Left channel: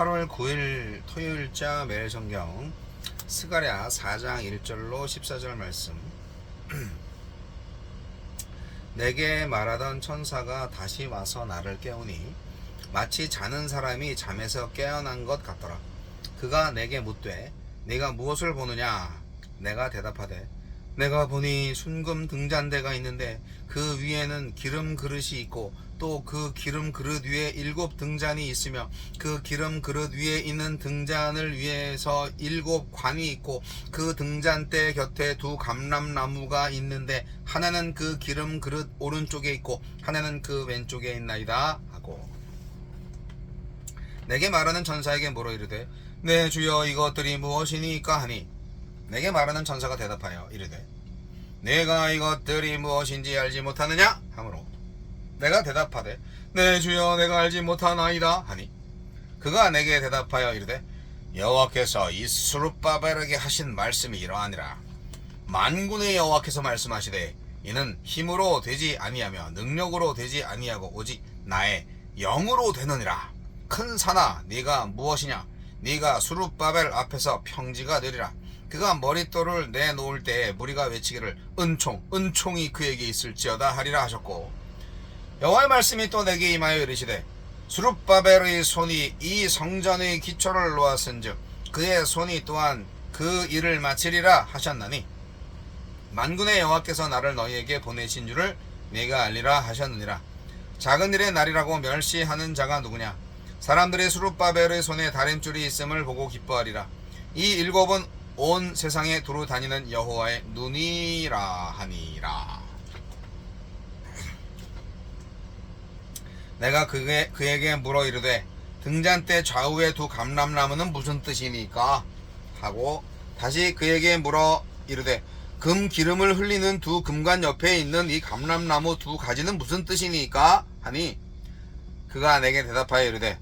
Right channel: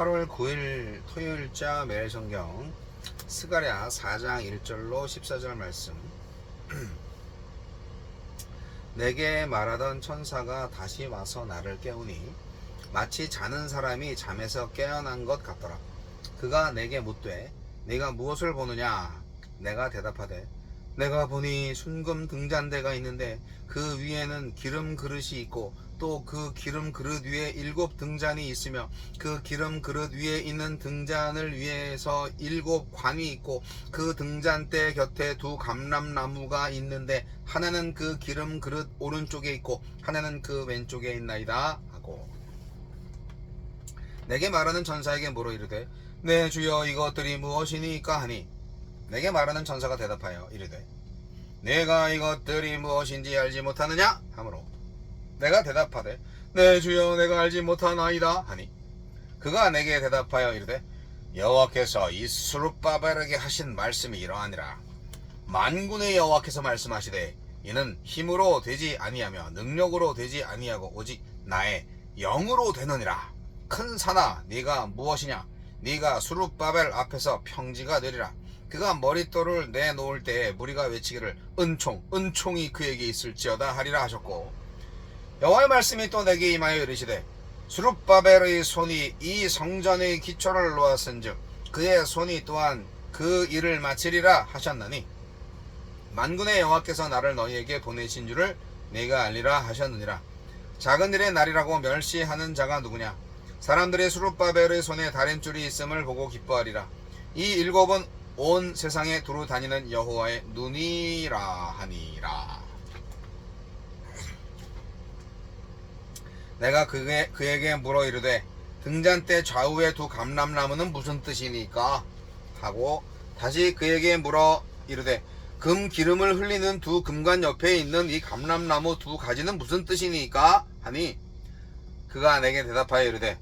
8월 9일 토요일자 매일성경 스가랴 4장 1절로 14절 말씀. 내게 말하던 천사가 다시 와서 나를 깨우니 마치 자는 사람이 잠에서 깨어난 것 같더라. 그가 내게 묻되 네가 무엇을 보느냐? 내가 대답하되 내가 보니 순금 등잔대가 있는데 그 위에는 기름 그릇이 있고 또 그 기름 그릇 위에 7 등잔이 있으며 그 기름 그릇 위에 있는 등잔을 위에서 7 관이 있고 그 등잔대 곁에 2 감람나무가 있는데 하나는 그 기름 그릇 오른쪽에 있고 하나는 그 왼쪽에 있나이다 하고, 내게 말하는 천사에게 물어 이르되 내 주여 이것들이 무엇이니까 하니, 내게 말하는 천사가 대답하여 이르되 내가 이것들이 무엇인지 알지 못하느냐 하므로 내가 대답하되 내 주여 내가 알지 못하나이다 하니, 그가 내게 대답하여 이르되 여호와께서 이 스룹바벨에게 하신 말씀이 이러하니라. 만군의 여호와께서 말씀하시되 이는 힘으로 되지 아니하며 능력으로 되지 아니하고 오직 나의 영으로 되느니라. 큰 산아 네가 무엇이냐? 네가 스룹바벨 앞에서 평지가 되리라. 그가 머릿돌을 내놓을 때에 무리가 외치기를 은총이 그에게 있을지어다 하리라 하셨고, 여호와의 말씀이 또 내게 임하여 이르시되 스룹바벨의 손이 이 성전의 기초를 놓았은즉 그의 손이 또한 그 일을 마치리라 하셨나니, 만군의 여호와께서 나를 너희에게 보내신 줄을 네가 알리라 하셨느니라. 작은 일의 날이라고 멸시하는 자가 누구냐? 사람들의 스룹바벨의 손에 다림줄이 있음을 보고 기뻐하리라. 이 7은 온 세상에 두루 다니는 여호와의 눈이라 하니라. 내가 그에게 물어 이르되 등잔대 좌우의 2 감람나무는 무슨 뜻이니까 하고, 다시 그에게 물어 이르되 금 기름을 흘리는 2 금관 옆에 있는 이 감람나무 2 가지는 무슨 뜻이니까 하니, 그가 내게 대답하여 이르되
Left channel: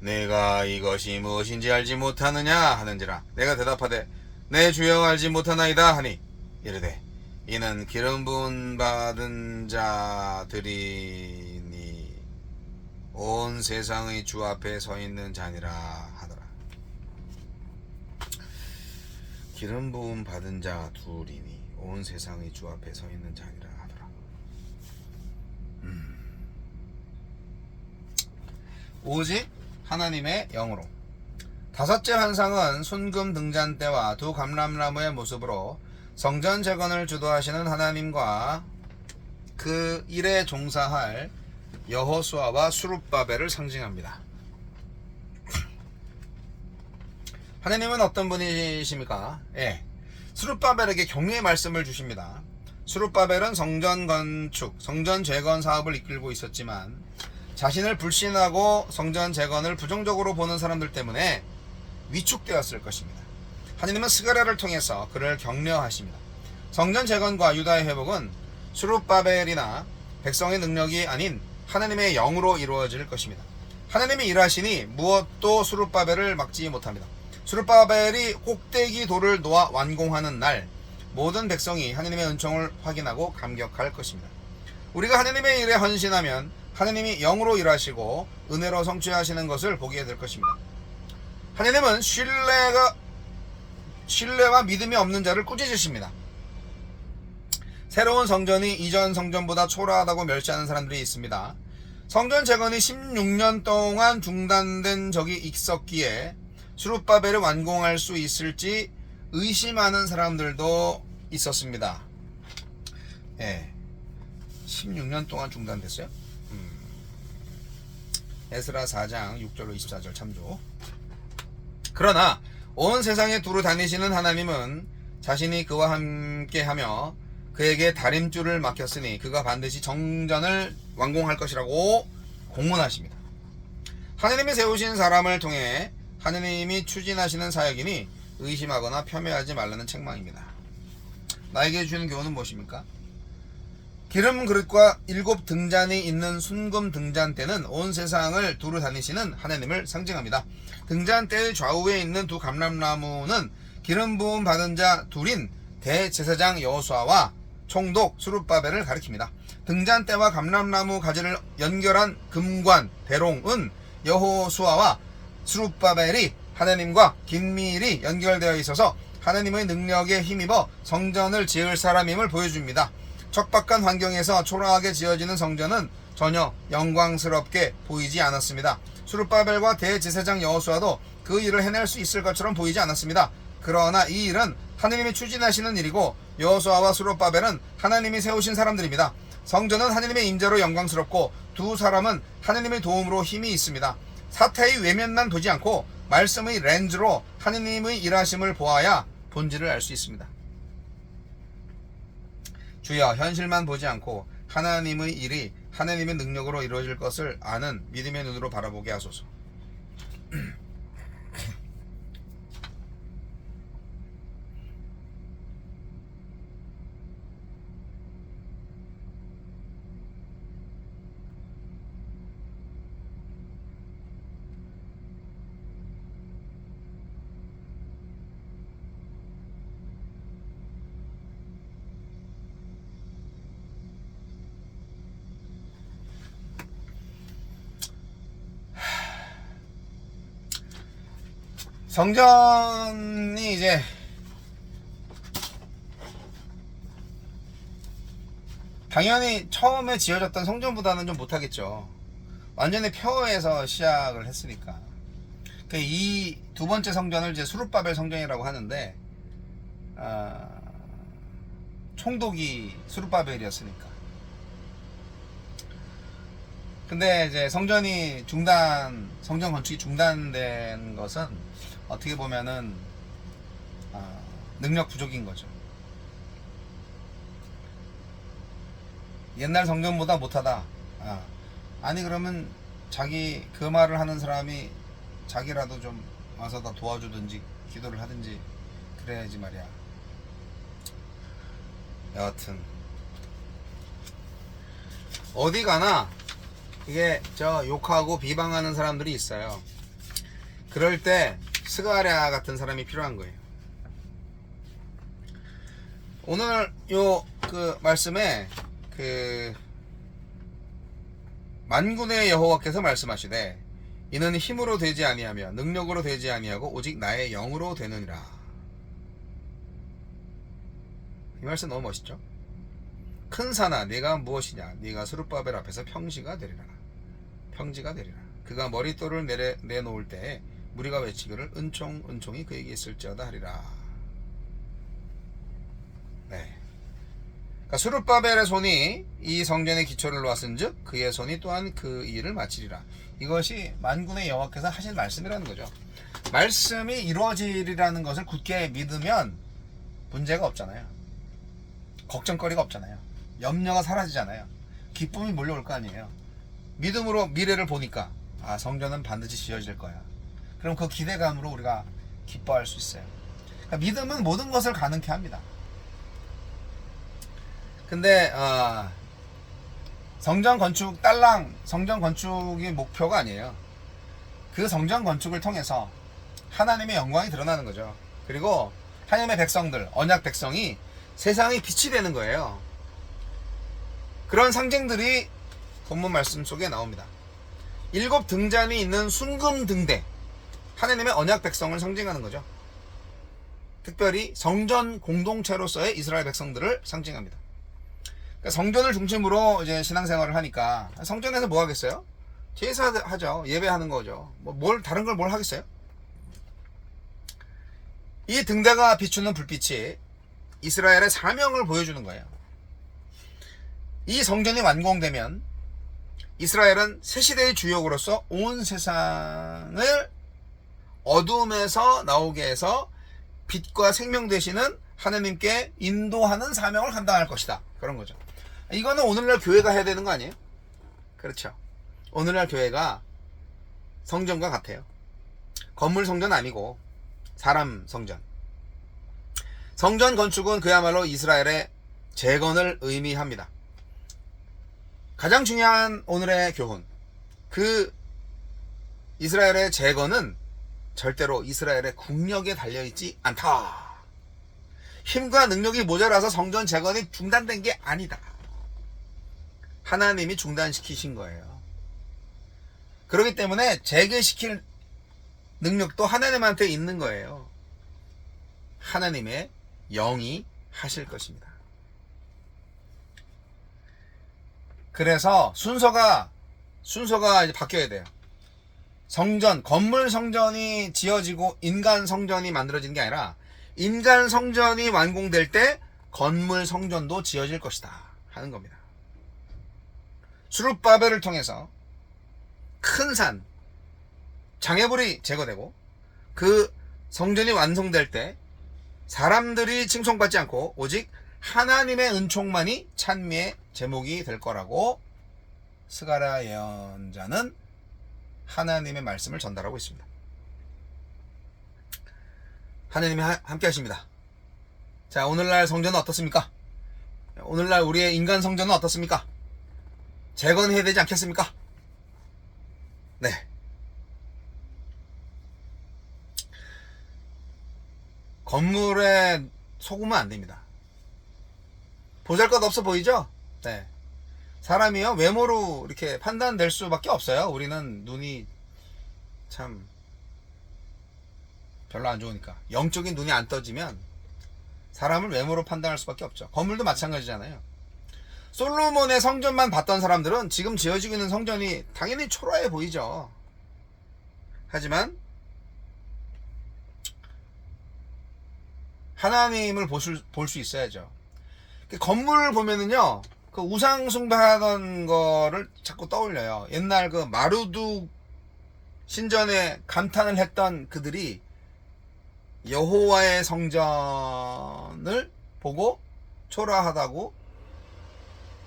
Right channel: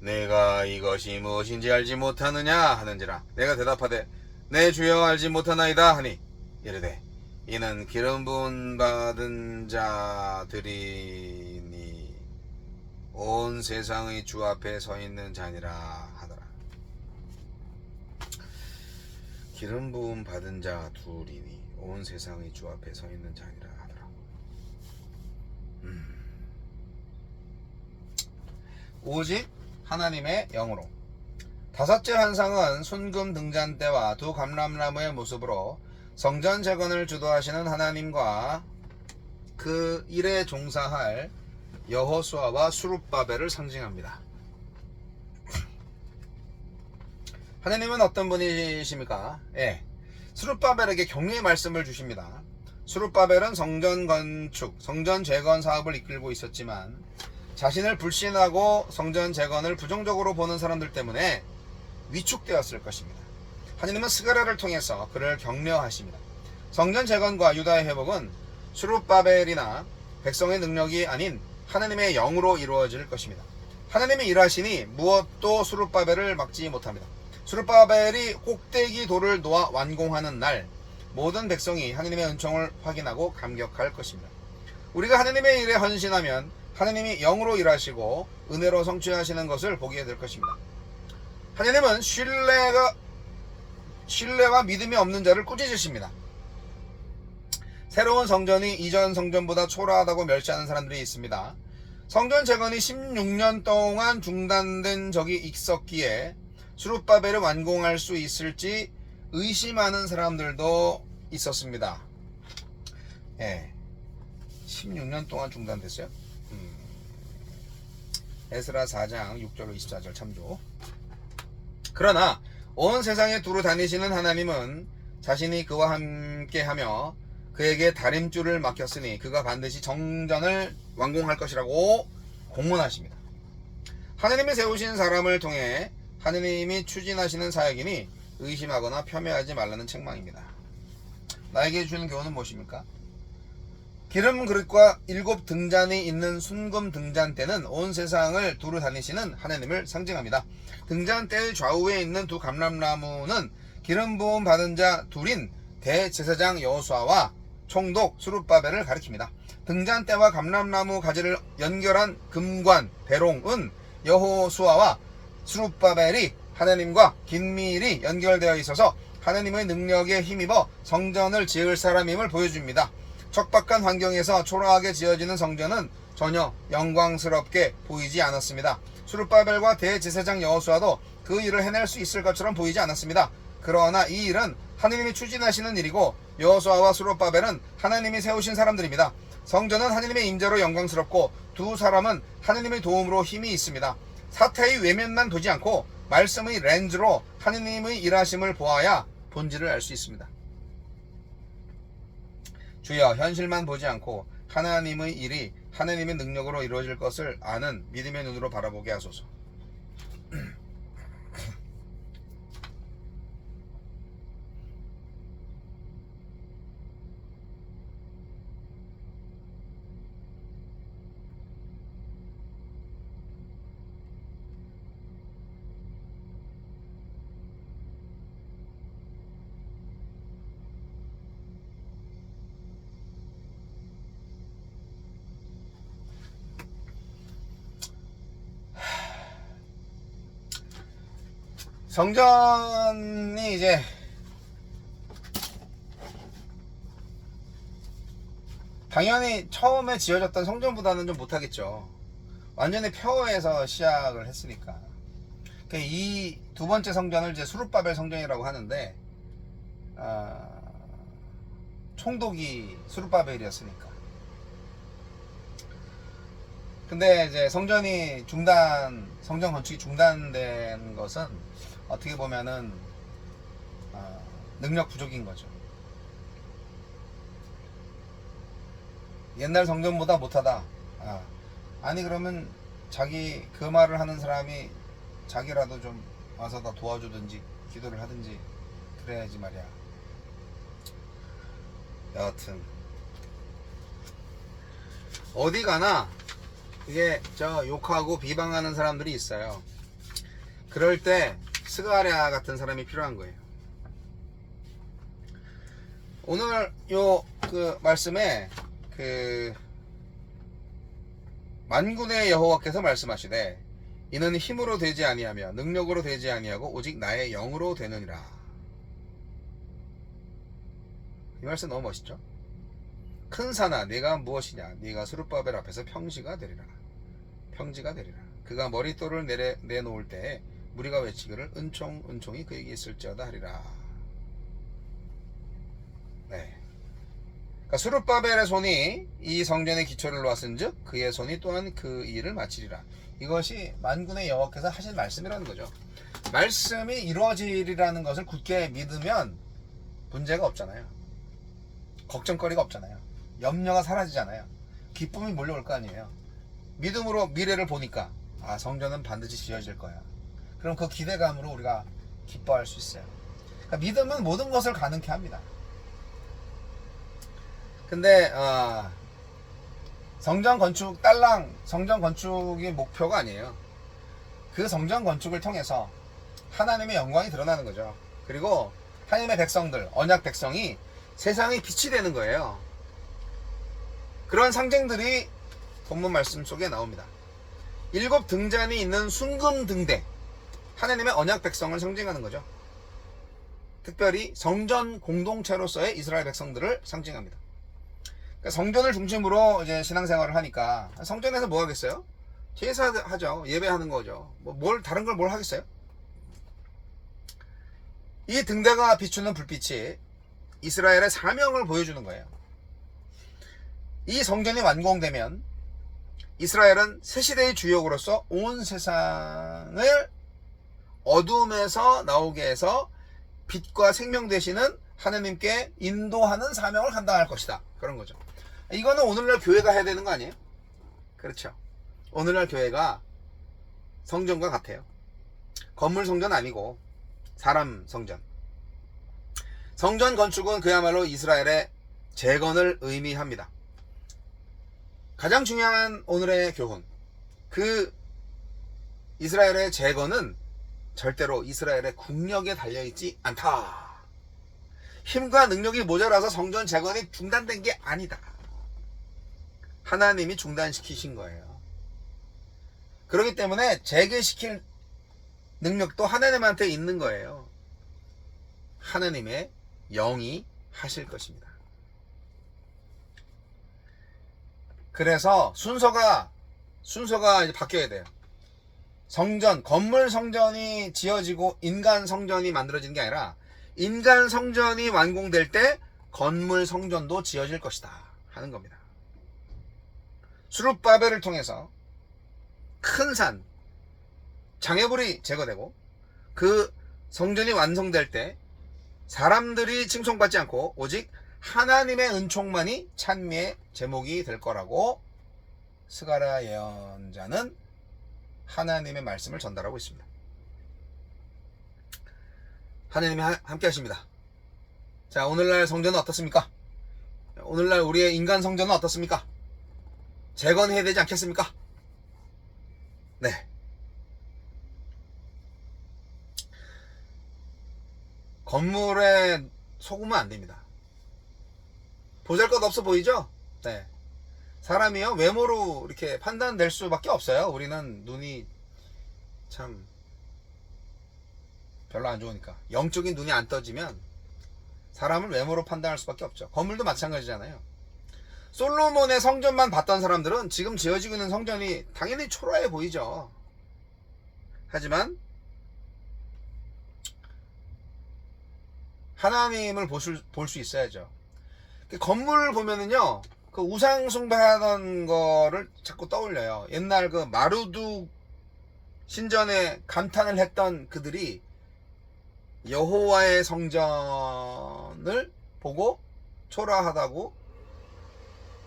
내가 이것이 무엇인지 알지 못하느냐 하는지라. 내가 대답하되 내 주여 알지 못하나이다 하니, 이르되 이는 기름 부음 받은 자들이니 온 세상의 주 앞에 서 있는 자니라 하더라. 기름 부음 받은 자 둘이니 온 세상의 주 앞에 서 있는 자니라 하더라. 오직 하나님의 영으로. 다섯째 환상은 순금 등잔대와 2 감람나무의 모습으로 성전 재건을 주도하시는 하나님과 그 일에 종사할 여호수아와 스룹바벨을 상징합니다. 하나님은 어떤 분이십니까? 스룹바벨에게 격려의 말씀을 주십니다. 스룹바벨은 성전 건축, 성전 재건 사업을 이끌고 있었지만 자신을 불신하고 성전 재건을 부정적으로 보는 사람들 때문에 위축되었을 것입니다. 하나님은 스가랴를 통해서 그를 격려하십니다. 성전 재건과 유다의 회복은 스룹바벨이나 백성의 능력이 아닌 하나님의 영으로 이루어질 것입니다. 하나님이 일하시니 무엇도 스룹바벨을 막지 못합니다. 스룹바벨이 꼭대기 돌을 놓아 완공하는 날, 모든 백성이 하나님의 은총을 확인하고 감격할 것입니다. 우리가 하나님의 일에 헌신하면 하나님이 영으로 일하시고 은혜로 성취하시는 것을 보게 될 것입니다. 하나님은 신뢰와 믿음이 없는 자를 꾸짖으십니다. 새로운 성전이 이전 성전보다 초라하다고 멸시하는 사람들이 있습니다. 성전 재건이 16년 동안 중단된 적이 있었기에 스룹바벨을 완공할 수 있을지 의심하는 사람들도 있었습니다. 16년 동안 중단됐어요. 에스라 4장 6절로 24절 참조. 그러나 온 세상에 두루 다니시는 하나님은 자신이 그와 함께하며 그에게 다림줄을 맡겼으니 그가 반드시 정전을 완공할 것이라고 공언하십니다. 하나님이 세우신 사람을 통해 하나님이 추진하시는 사역이니 의심하거나 폄훼하지 말라는 책망입니다. 나에게 주는 교훈은 무엇입니까? 기름 그릇과 7 등잔이 있는 순금 등잔대는 온 세상을 두루 다니시는 하나님을 상징합니다. 등잔대의 좌우에 있는 2 감람나무는 기름 부음 받은 자 둘인 대제사장 여호수아와 총독 스룹바벨을 가리킵니다. 등잔대와 감람나무 가지를 연결한 금관 대롱은 여호수아와 스룹바벨이 하나님과 긴밀히 연결되어 있어서 하나님의 능력에 힘입어 성전을 지을 사람임을 보여줍니다. 척박한 환경에서 초라하게 지어지는 성전은 전혀 영광스럽게 보이지 않았습니다. 스룹바벨과 대제사장 여호수아도 그 일을 해낼 수 있을 것처럼 보이지 않았습니다. 그러나 이 일은 하나님이 추진하시는 일이고 여호수아와 스룹바벨은 하나님이 세우신 사람들입니다. 성전은 하나님의 임재로 영광스럽고 두 사람은 하나님의 도움으로 힘이 있습니다. 사태의 외면만 보지 않고 말씀의 렌즈로 하나님의 일하심을 보아야 본질을 알 수 있습니다. 주여, 현실만 보지 않고 하나님의 일이 하나님의 능력으로 이루어질 것을 아는 믿음의 눈으로 바라보게 하소서. 성전이 이제 당연히 처음에 지어졌던 성전보다는 좀 못하겠죠. 완전히 폐허해서 시작을 했으니까. 이 두 번째 성전을 이제 스룹바벨 성전이라고 하는데, 총독이 스룹바벨이었으니까. 근데 이제 성전 건축이 중단된 것은 어떻게 보면은 능력 부족인 거죠. 옛날 성전보다 못하다. 아니 그러면 그 말을 하는 사람이 자기라도 좀 와서 더 도와주든지 기도를 하든지 그래야지 말이야. 여하튼 어디 가나 이게 욕하고 비방하는 사람들이 있어요. 그럴 때 스가랴 같은 사람이 필요한 거예요. 오늘 말씀에 만군의 여호와께서 말씀하시되 이는 힘으로 되지 아니하며 능력으로 되지 아니하고 오직 나의 영으로 되느니라. 이 말씀 너무 멋있죠? 큰 산아 네가 무엇이냐, 네가 스룹바벨 앞에서 평지가 되리라. 그가 머릿돌을 내놓을 때에 무리가 외치기를 은총이 그에게 있을지어다 하리라. 네. 그러니까 스룹바벨의 손이 이 성전의 기초를 놓았은즉 그의 손이 또한 그 일을 마치리라. 이것이 만군의 여호와께서 하신 말씀이라는 거죠. 말씀이 이루어지리라는 것을 굳게 믿으면 문제가 없잖아요. 걱정거리가 없잖아요. 염려가 사라지잖아요. 기쁨이 몰려올 거 아니에요. 믿음으로 미래를 보니까 성전은 반드시 지어질 거야. 그럼 그 기대감으로 우리가 기뻐할 수 있어요. 그러니까 믿음은 모든 것을 가능케 합니다. 근데 성전 건축이 목표가 아니에요. 그 성전 건축을 통해서 하나님의 영광이 드러나는 거죠. 그리고 하나님의 백성들, 언약 백성이 세상의 빛이 되는 거예요. 그런 상징들이 본문 말씀 속에 나옵니다. 7 등잔이 있는 순금 등대, 하나님의 언약 백성을 상징하는 거죠. 특별히 성전 공동체로서의 이스라엘 백성들을 상징합니다. 그러니까 성전을 중심으로 이제 신앙생활을 하니까 성전에서 뭐 하겠어요? 제사하죠. 예배하는 거죠. 다른 걸 뭘 하겠어요? 이 등대가 비추는 불빛이 이스라엘의 사명을 보여주는 거예요. 이 성전이 완공되면 이스라엘은 새 시대의 주역으로서 온 세상을 어둠에서 나오게 해서 빛과 생명 되시는 하나님께 인도하는 사명을 감당할 것이다. 그런 거죠. 이거는 오늘날 교회가 해야 되는 거 아니에요? 그렇죠. 오늘날 교회가 성전과 같아요. 건물 성전 아니고 사람 성전. 성전 건축은 그야말로 이스라엘의 재건을 의미합니다. 가장 중요한 오늘의 교훈. 그 이스라엘의 재건은 절대로 이스라엘의 국력에 달려있지 않다. 힘과 능력이 모자라서 성전 재건이 중단된 게 아니다. 하나님이 중단시키신 거예요. 그렇기 때문에 재개시킬 능력도 하나님한테 있는 거예요. 하나님의 영이 하실 것입니다. 그래서 순서가 이제 바뀌어야 돼요. 성전, 건물 성전이 지어지고 인간 성전이 만들어지는 게 아니라 인간 성전이 완공될 때 건물 성전도 지어질 것이다 하는 겁니다. 수룹바벨을 통해서 큰 산 장애물이 제거되고 그 성전이 완성될 때 사람들이 칭송받지 않고 오직 하나님의 은총만이 찬미의 제목이 될 거라고 스가랴 예언자는 하나님의 말씀을 전달하고 있습니다. 하나님이 함께 하십니다. 자, 오늘날 성전은 어떻습니까? 오늘날 우리의 인간 성전은 어떻습니까? 재건해야 되지 않겠습니까? 네. 건물에 속으면 안 됩니다. 보잘것없어 보이죠? 네. 사람이요, 외모로 이렇게 판단될 수밖에 없어요. 우리는 눈이 참 별로 안 좋으니까. 영적인 눈이 안 떠지면 사람을 외모로 판단할 수밖에 없죠. 건물도 마찬가지잖아요. 솔로몬의 성전만 봤던 사람들은 지금 지어지고 있는 성전이 당연히 초라해 보이죠. 하지만 하나님을 볼 수 있어야죠. 건물 보면은요, 그 우상 숭배하던 거를 자꾸 떠올려요. 옛날 그 마루둑 신전에 감탄을 했던 그들이 여호와의 성전을 보고 초라하다고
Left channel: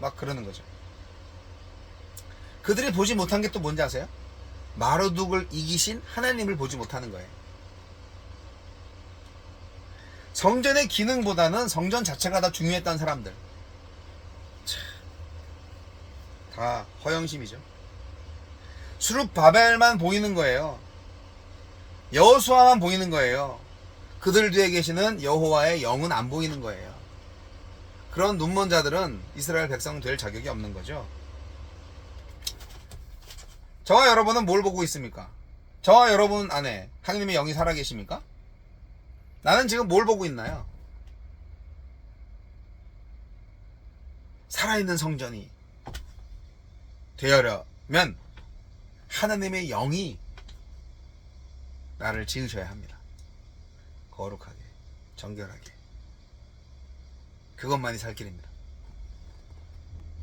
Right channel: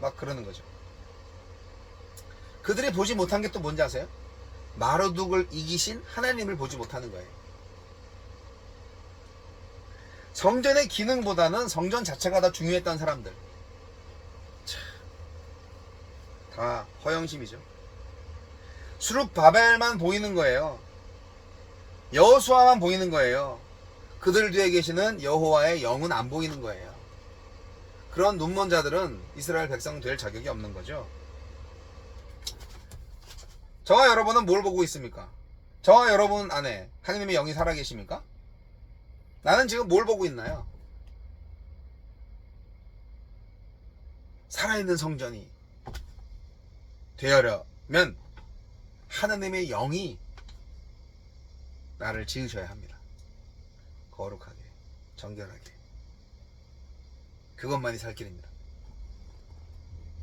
막 그러는 거죠. 그들이 보지 못한 게 또 뭔지 아세요? 마루둑을 이기신 하나님을 보지 못하는 거예요. 성전의 기능보다는 성전 자체가 다 중요했던 사람들. 다 허영심이죠. 수룹바벨만 보이는 거예요. 여호수아만 보이는 거예요. 그들 뒤에 계시는 여호와의 영은 안 보이는 거예요. 그런 눈먼 자들은 이스라엘 백성 될 자격이 없는 거죠. 저와 여러분은 뭘 보고 있습니까? 저와 여러분 안에 하나님의 영이 살아계십니까? 나는 지금 뭘 보고 있나요? 살아있는 성전이 되려면 하나님의 영이 나를 지으셔야 합니다. 거룩하게, 정결하게. 그것만이 살 길입니다.